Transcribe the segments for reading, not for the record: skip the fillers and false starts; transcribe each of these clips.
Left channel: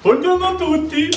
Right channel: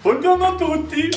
Buongiorno a tutti!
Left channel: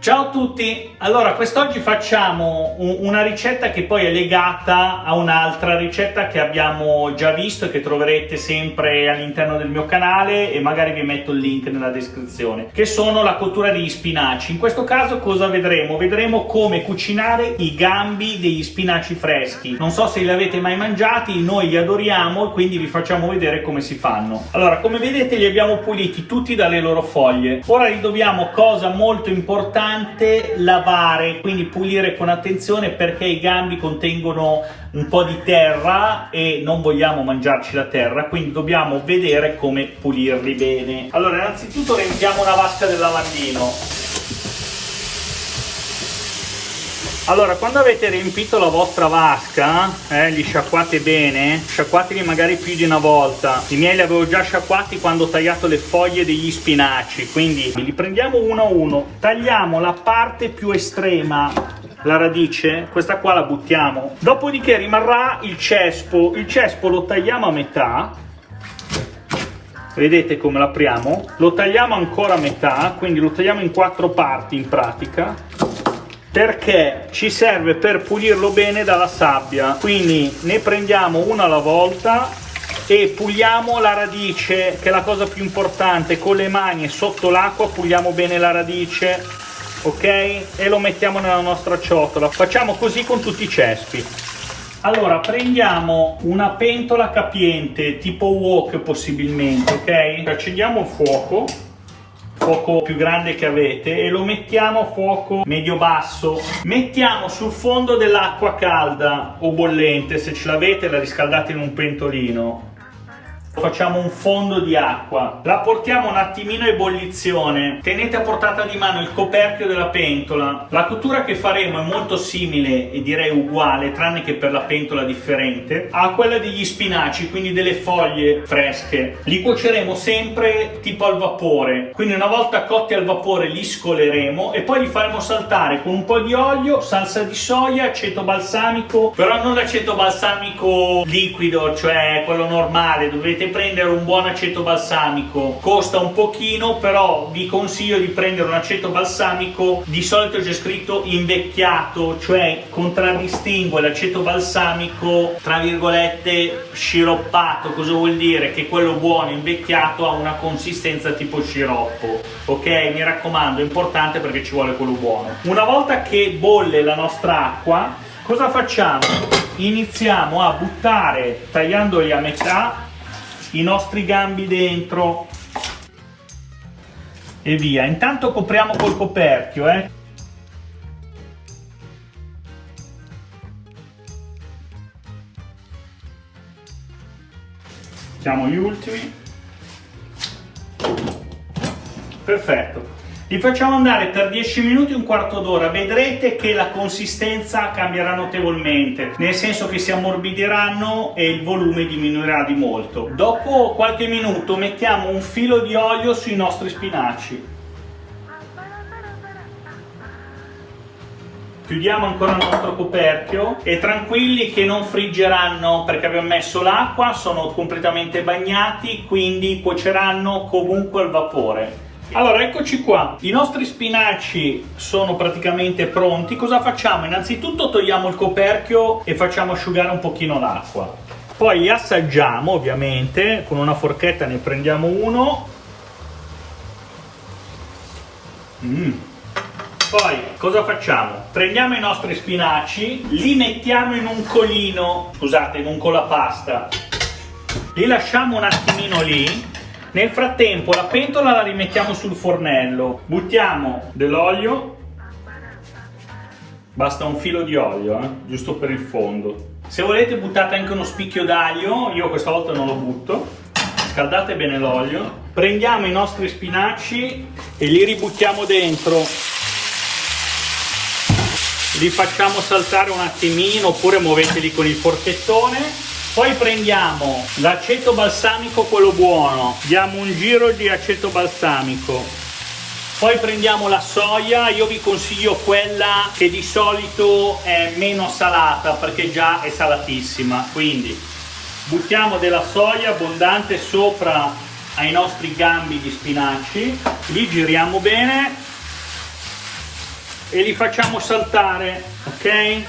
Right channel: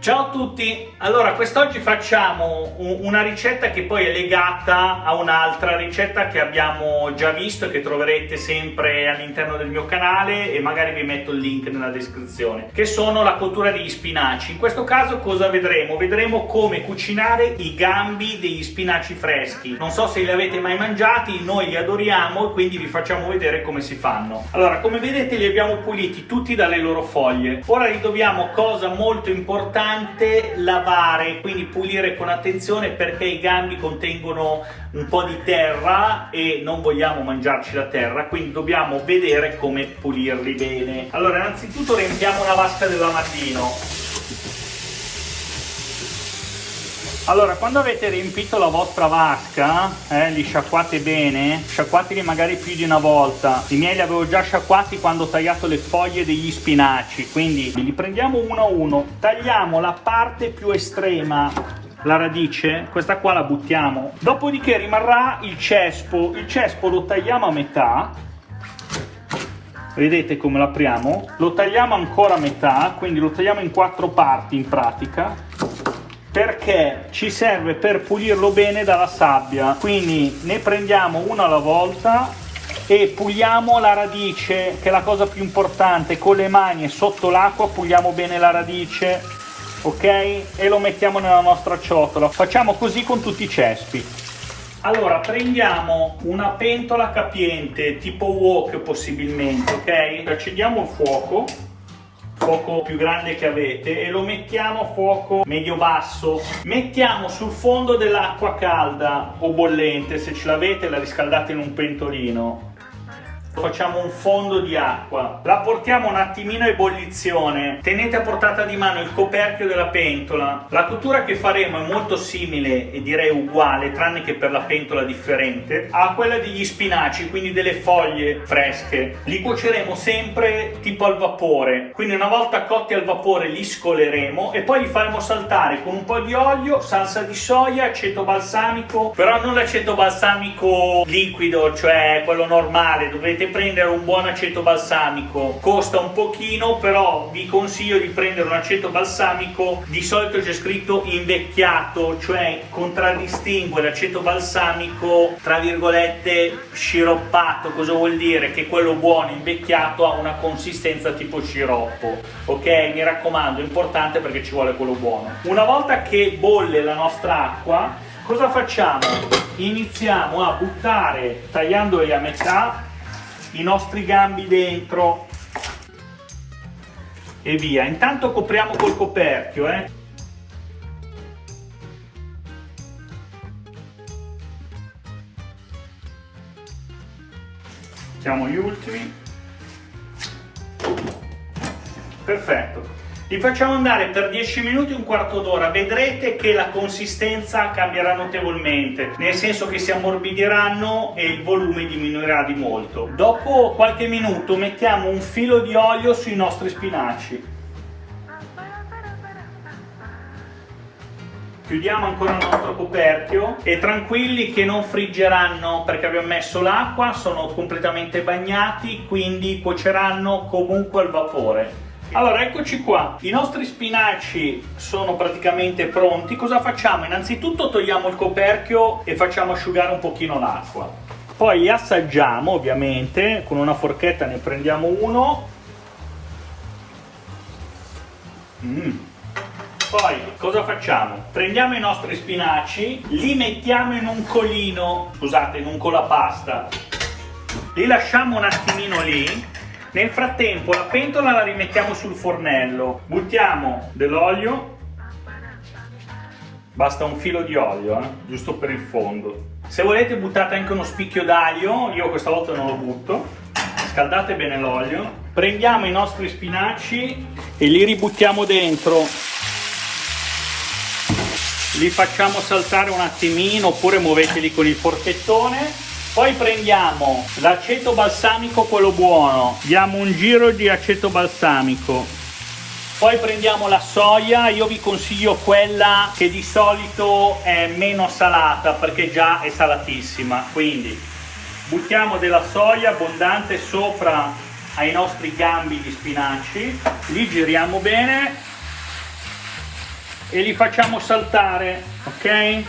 Ciao a tutti! Allora, quest'oggi facciamo una ricetta che poi è legata a un'altra ricetta che abbiamo già visto e che troverete sempre all'interno del mio canale, e magari vi metto il link nella descrizione, che sono la cottura degli spinaci. In questo caso cosa vedremo? Vedremo come cucinare i gambi degli spinaci freschi. Non so se li avete mai mangiati, noi li adoriamo e quindi vi facciamo vedere come si fanno. Allora, come vedete li abbiamo puliti tutti dalle loro foglie. Ora li dobbiamo, cosa molto importante, lavare, quindi pulire con attenzione, perché i gambi contengono un po' di terra e non vogliamo mangiarci la terra, quindi dobbiamo vedere come pulirli bene. Allora, innanzitutto riempiamo una vasca del lavandino. Allora, quando avete riempito la vostra vasca, li sciacquate bene, sciacquateli magari più di una volta. I miei li avevo già sciacquati quando ho tagliato le foglie degli spinaci, quindi li prendiamo uno a uno, tagliamo la parte più estrema, la radice, questa qua la buttiamo, dopodiché rimarrà il cespo lo tagliamo a metà. Vedete come l'apriamo? Lo tagliamo ancora a metà, quindi lo tagliamo in 4 parti in pratica, perché ci serve per pulirlo bene dalla sabbia. Quindi ne prendiamo uno alla volta e puliamo la radice, che è la cosa più importante. Con le mani e sotto l'acqua puliamo bene la radice, ok? E lo mettiamo nella nostra ciotola. Facciamo così con tutti i cespi. Allora, prendiamo una pentola capiente tipo wok possibilmente, ok? Accendiamo il fuoco più grande che avete e lo mettiamo a fuoco medio-basso. Mettiamo sul fondo dell'acqua calda o bollente, se ce l'avete la riscaldate in un pentolino. Facciamo un fondo di acqua, la portiamo un attimino a ebollizione, tenete a portata di mano il coperchio della pentola. La cottura che faremo è molto simile e direi uguale, tranne che per la pentola differente, a quella degli spinaci, quindi delle foglie fresche. Li cuoceremo sempre tipo al vapore, quindi una volta cotti al vapore li scoleremo e poi li faremo saltare con un po' di olio, salsa di soia, aceto balsamico, però non l'aceto balsamico liquido, cioè quello normale. Dovete prendere un buon aceto balsamico, costa un pochino, però vi consiglio di prendere un aceto balsamico, di solito c'è scritto invecchiato, cioè contraddistingue l'aceto balsamico tra virgolette sciroppato. Cosa vuol dire? Che quello buono invecchiato ha una consistenza tipo sciroppo, ok? Mi raccomando, è importante perché ci vuole quello buono. Una volta che bolle la nostra acqua, cosa facciamo? Iniziamo a buttare, tagliandoli a metà, i nostri gambi dentro e via. Intanto copriamo col coperchio, Mettiamo gli ultimi. Perfetto. Li facciamo andare per 10 minuti, un quarto d'ora. Vedrete che la consistenza cambierà notevolmente, nel senso che si ammorbidiranno e il volume diminuirà di molto. Dopo qualche minuto mettiamo un filo di olio sui nostri spinaci. Chiudiamo ancora il nostro coperchio e tranquilli che non friggeranno, perché abbiamo messo l'acqua, sono completamente bagnati, quindi cuoceranno comunque al vapore. Allora, eccoci qua, i nostri spinaci sono praticamente pronti. Cosa facciamo? Innanzitutto togliamo il coperchio e facciamo asciugare un pochino l'acqua, poi assaggiamo, ovviamente con una forchetta ne prendiamo uno. Poi cosa facciamo? Prendiamo i nostri spinaci, li mettiamo in un colino, scusate, in un colapasta, li lasciamo un attimino lì. Nel frattempo la pentola la rimettiamo sul fornello, buttiamo dell'olio, basta un filo di olio, giusto per il fondo. Se volete buttate anche uno spicchio d'aglio, io questa volta non lo butto. Scaldate bene l'olio, prendiamo i nostri spinaci e li ributtiamo dentro, li facciamo saltare un attimino oppure muoveteli con il forchettone. Poi prendiamo l'aceto balsamico, quello buono, diamo un giro di aceto balsamico. Poi prendiamo la soia, io vi consiglio quella che di solito è meno salata perché già è salatissima, quindi buttiamo della soia abbondante sopra ai nostri gambi di spinaci, li giriamo bene e li facciamo saltare, ok?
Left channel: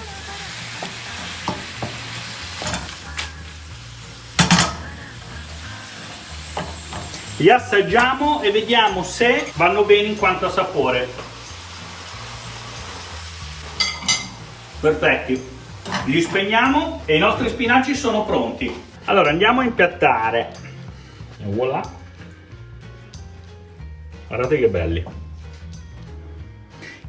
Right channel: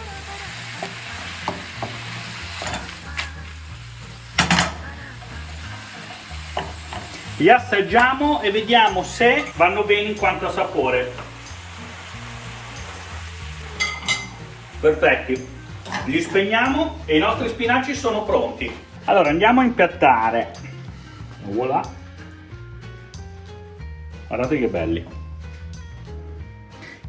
Li assaggiamo e vediamo se vanno bene in quanto a sapore. Perfetti. Li spegniamo e i nostri spinaci sono pronti. Allora andiamo a impiattare. Voilà. Guardate che belli.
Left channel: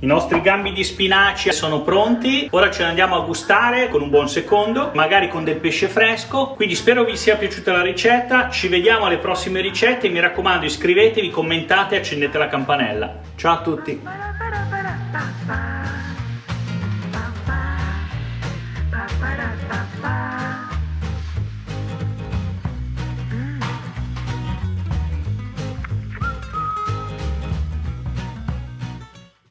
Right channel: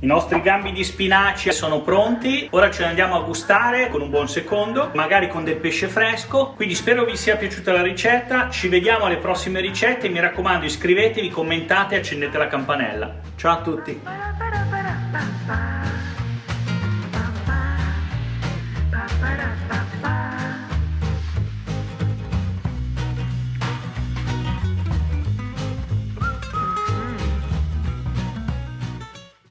I nostri gambi di spinaci sono pronti, ora ce ne andiamo a gustare con un buon secondo, magari con del pesce fresco. Quindi spero vi sia piaciuta la ricetta, ci vediamo alle prossime ricette, mi raccomando iscrivetevi, commentate e accendete la campanella. Ciao a tutti!